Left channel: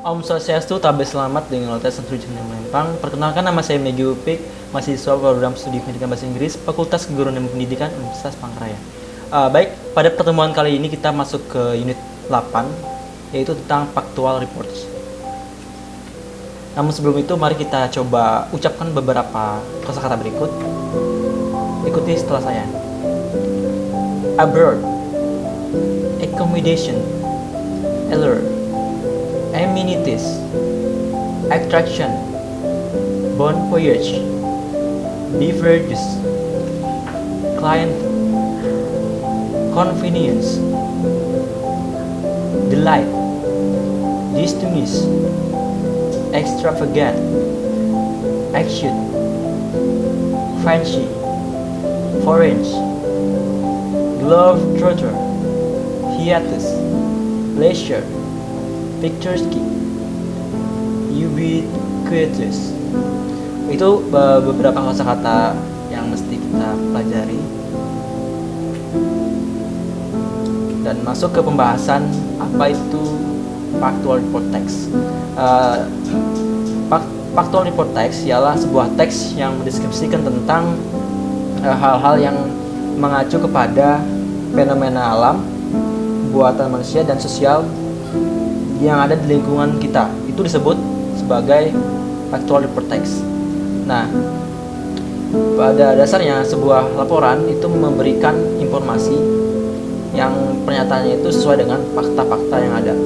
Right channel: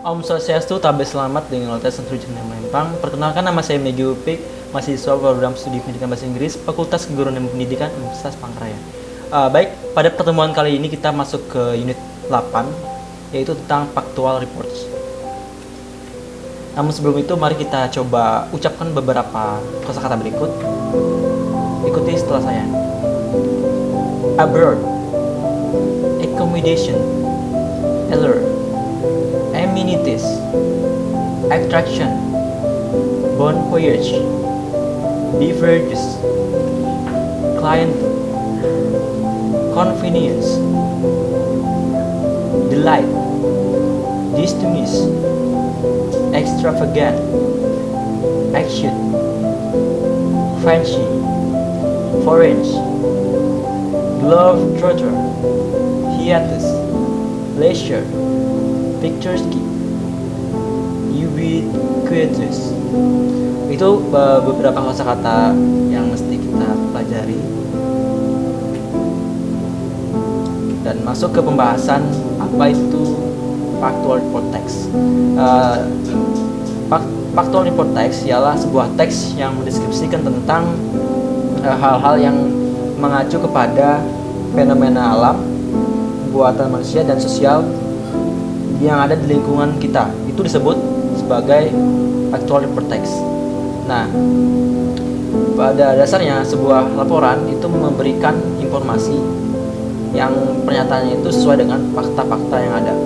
Om Swastiastu, tabes selamat dengan Lotes Trujan yang Melempang. Perkenalkan, nama saya Megi Upik, mahasiswa program studi pendidikan bahasa Inggris, Fakultas Keguruan dan Pendidikan Universitas Palangkaraya. Baik, pada pertemuan kali ini kita masuk ke unit 8, yaitu tentang factual reports. Namun sebelum itu, mari kita coba ucapkan beberapa kosakata berikut. Ikuti setelah saya. Abroad, accommodation, allure, amenities, attraction, bon voyage, beverages, client, convenience, delight, distress, extravagant, action, fancy, foreign, globetrotter, hiatus, leisure, picturesque, ubiquitous. Itu beberapa kosakata yang mesti kita pelajari. Dan masuk ke pembahasan apa itu factual report text. Factual report text ialah sebuah teks yang mendeskripsikan tentang hal-hal yang mengacu kepada fenomena alam, buatan manusia dan sosial yang ada di lingkungan kita. Itu disebut sebagai factual report text. Nah, pada dasarnya sebuah laporan itu memberikan informasi yang pernyataannya itu sesuai dengan fakta-fakta yang ada.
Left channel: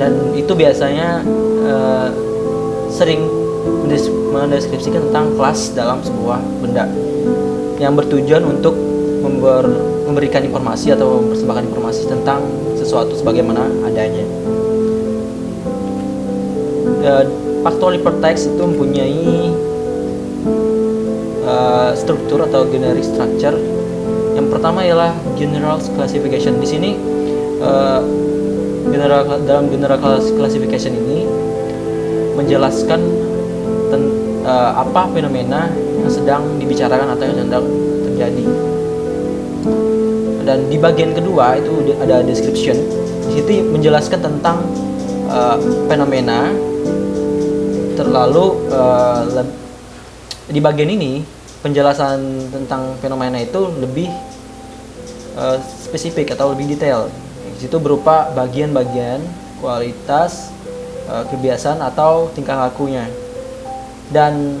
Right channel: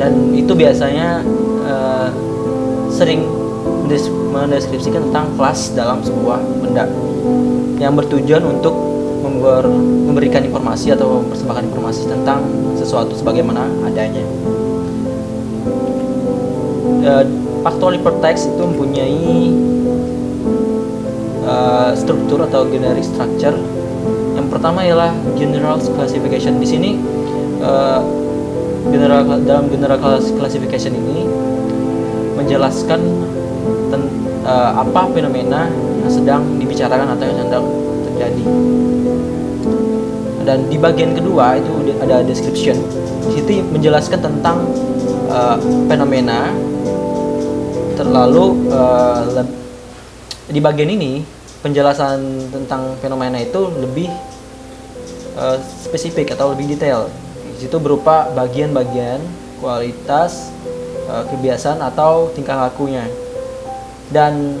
Dan itu biasanya sering mendeskripsikan tentang kelas dalam sebuah benda yang bertujuan untuk memberikan informasi atau mempersembahkan informasi tentang sesuatu sebagaimana adanya. Factual report text itu mempunyai struktur atau generic structure. Yang pertama ialah general classification. Di sini dalam general classification ini menjelaskan apa fenomena yang sedang dibicarakan atau yang sedang terjadi. Dan di bagian kedua itu ada description. Di situ menjelaskan tentang fenomena. Terlalu di bagian ini penjelasan tentang fenomena itu lebih spesifik atau lebih detail. Di situ berupa bagian-bagian, kualitas, kebiasaan atau tingkah lakunya. Dan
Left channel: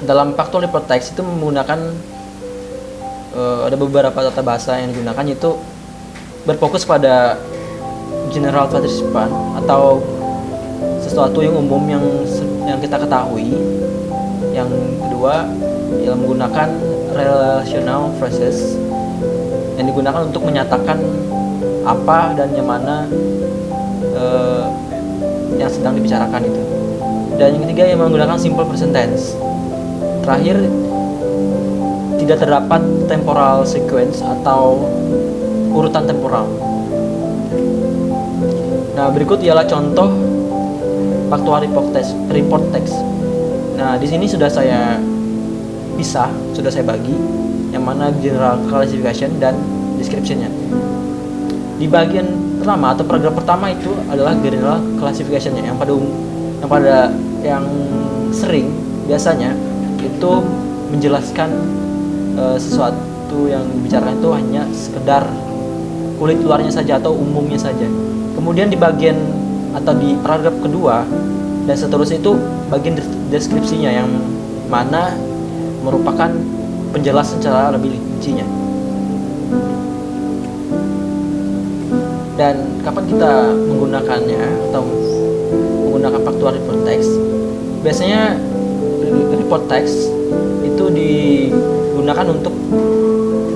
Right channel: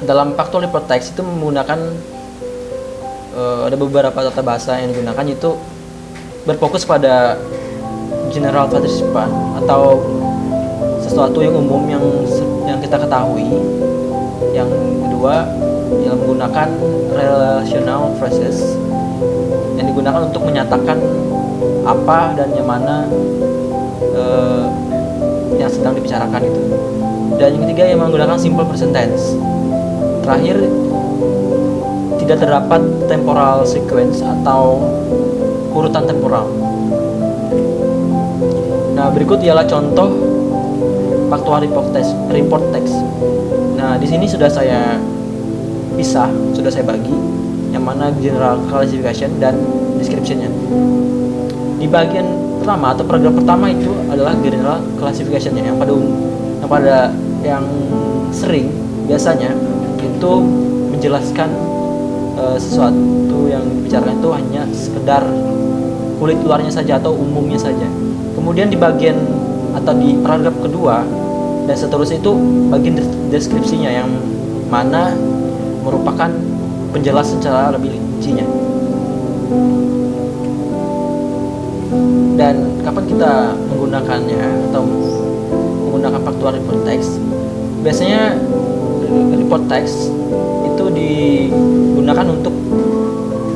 dalam factual report text itu menggunakan ada beberapa tata bahasa yang digunakan, yaitu berfokus pada general participant atau sesuatu yang umum yang kita ketahui. Yang kedua ialah menggunakan relational phrases yang digunakan untuk menyatakan apa dan yang mana yang sedang dibicarakan itu. Dan yang ketiga yang menggunakan simple present tense. Terakhir, tidak terdapat temporal sequence atau urutan temporal. Nah, berikut ialah contoh factual report text. Nah, di sini sudah saya pisah, sudah saya bagi yang mana general classification dan description-nya. Di bagian pertama atau paragraf pertama itu adalah general classification-nya yang sering biasanya itu menjelaskan sesuatu yang dibicarakan itu hanya sekedar kulit luarnya saja atau umumnya saja. Kemudian di bagian atau di paragraf kedua dan seterusnya itu bagian deskripsinya yang mana merupakan penjelasan secara lebih rincinya. Dan kapan kita menggunakannya atau menggunakan factual report text? Biasanya report text itu digunakan untuk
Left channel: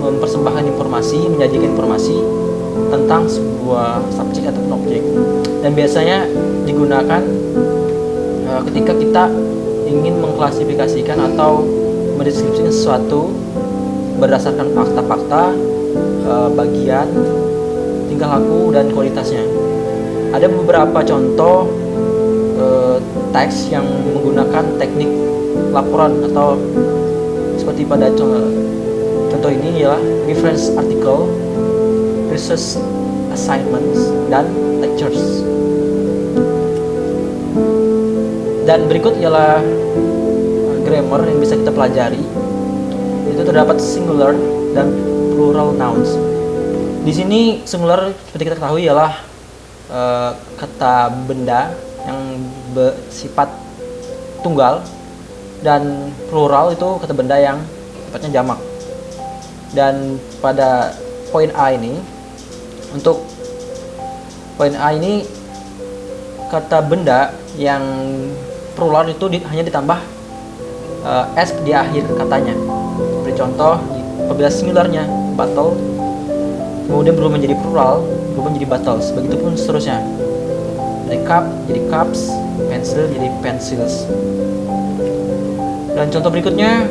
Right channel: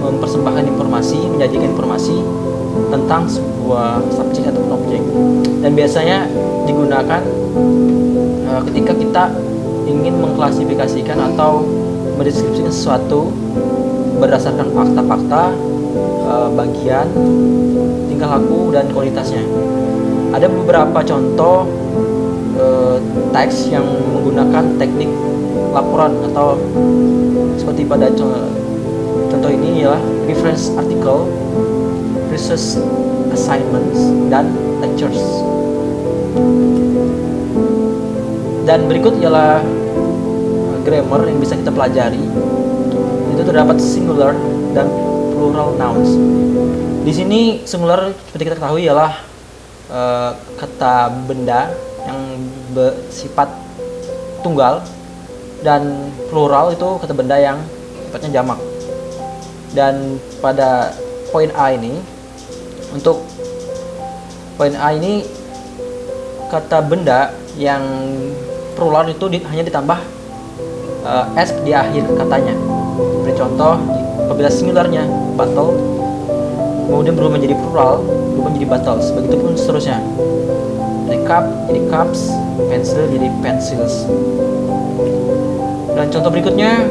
mempersembahkan informasi, menyajikan informasi tentang sebuah subjek atau objek. Dan biasanya digunakan ketika kita ingin mengklasifikasikan atau mendeskripsikan sesuatu berdasarkan fakta-fakta, bagian, tingkah laku, dan kualitasnya. Ada beberapa contoh teks yang menggunakan teknik laporan atau seperti pada contoh ini ialah reference article, research assignments, dan lectures. Dan berikut ialah grammar yang bisa kita pelajari. Itu terdapat singular dan plural nouns. Di sini singular seperti kita ketahui ialah kata benda yang bersifat tunggal, dan plural itu kata benda yang sifatnya jamak. Dan pada poin A ini, untuk poin A ini, kata benda yang plural itu hanya ditambah s di akhir katanya. Seperti contoh, apabila singularnya bottle, kemudian berubah menjadi plural, berubah menjadi bottles. Begitupun seterusnya. Dari cup jadi cups, pencil jadi pencils. Dan contoh berikutnya,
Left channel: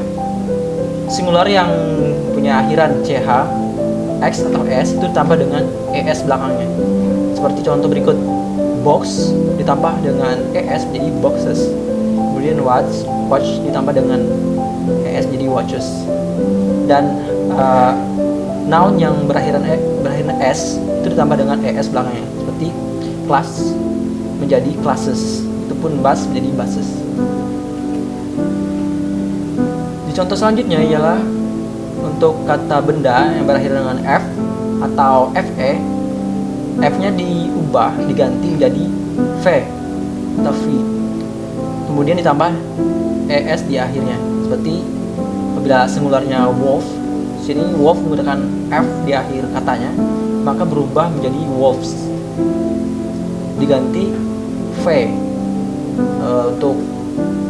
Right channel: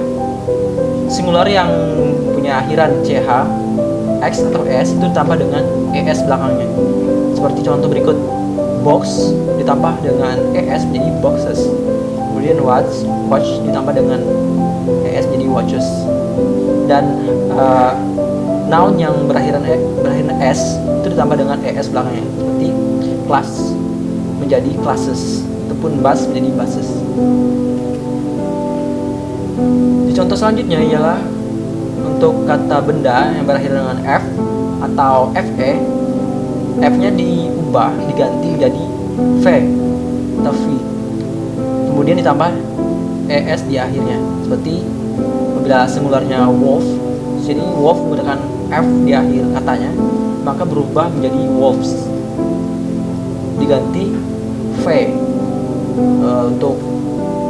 singular yang punya akhiran ch, x atau s itu ditambah dengan es belakangnya. Seperti contoh berikut, box ditambah dengan es menjadi boxes. Kemudian watch ditambah dengan es menjadi watches. Dan noun yang berakhiran s itu ditambah dengan es belakangnya. Seperti class menjadi classes, ataupun bus menjadi buses. Di contoh selanjutnya ialah untuk kata benda yang berakhir dengan f atau fe, f-nya diubah, diganti menjadi v atau v. Kemudian ditambah es di akhirnya. Seperti apabila singularnya wolf, sini wolf menggunakan f di akhir katanya, maka berubah menjadi wolves. Diganti v untuk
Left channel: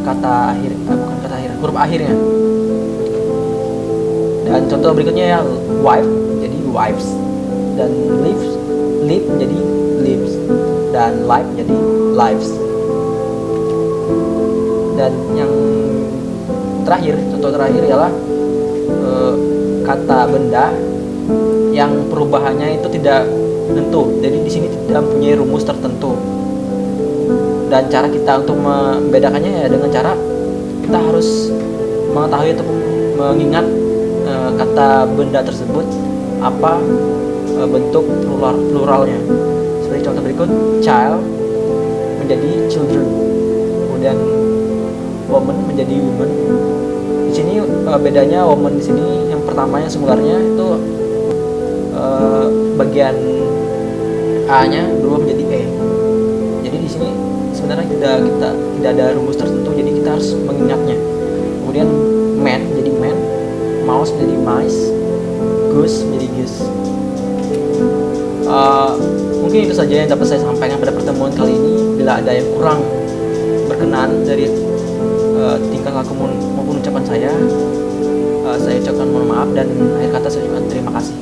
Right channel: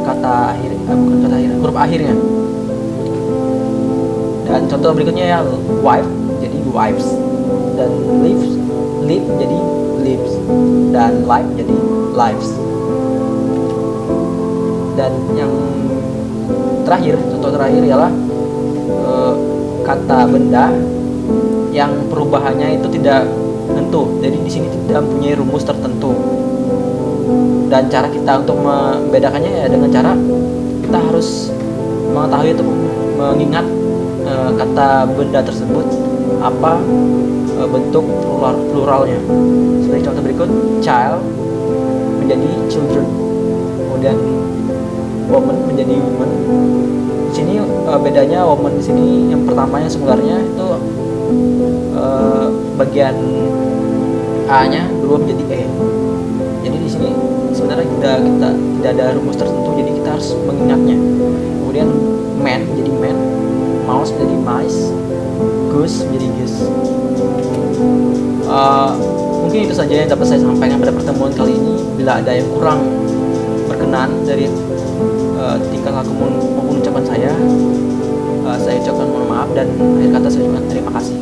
kata akhir, bukan kata akhir, huruf akhirnya. Dan contoh berikutnya ya, wife jadi wives, dan live menjadi lives, dan life menjadi lives. Dan yang terakhir, contoh terakhir ialah kata benda yang perubahannya itu tidak menentu. Jadi di sini tidak mempunyai rumus tertentu. Dan cara kita untuk membedakannya ya dengan cara kita harus mengetahui atau mengingat kata benda tersebut apa bentuk pluralnya. Seperti contoh berikut, child menjadi children, kemudian woman menjadi women. Di sini bedanya woman di sini yang pertamanya singularnya itu bagian a-nya berubah menjadi e. Jadi di sini sebenarnya kita tidak ada rumus tertentu, jadi kita harus mengingatnya. Kemudian man menjadi man, mouse menjadi mice, goose menjadi goose. Mungkin itu saja yang dapat saya sampaikan pada pertemuan kali ini. Bila ada yang kurang berkenan dari tingkah laku maupun ucapan saya ucapkan mohon maaf, dan akhir kata saya ucapkan terima kasih.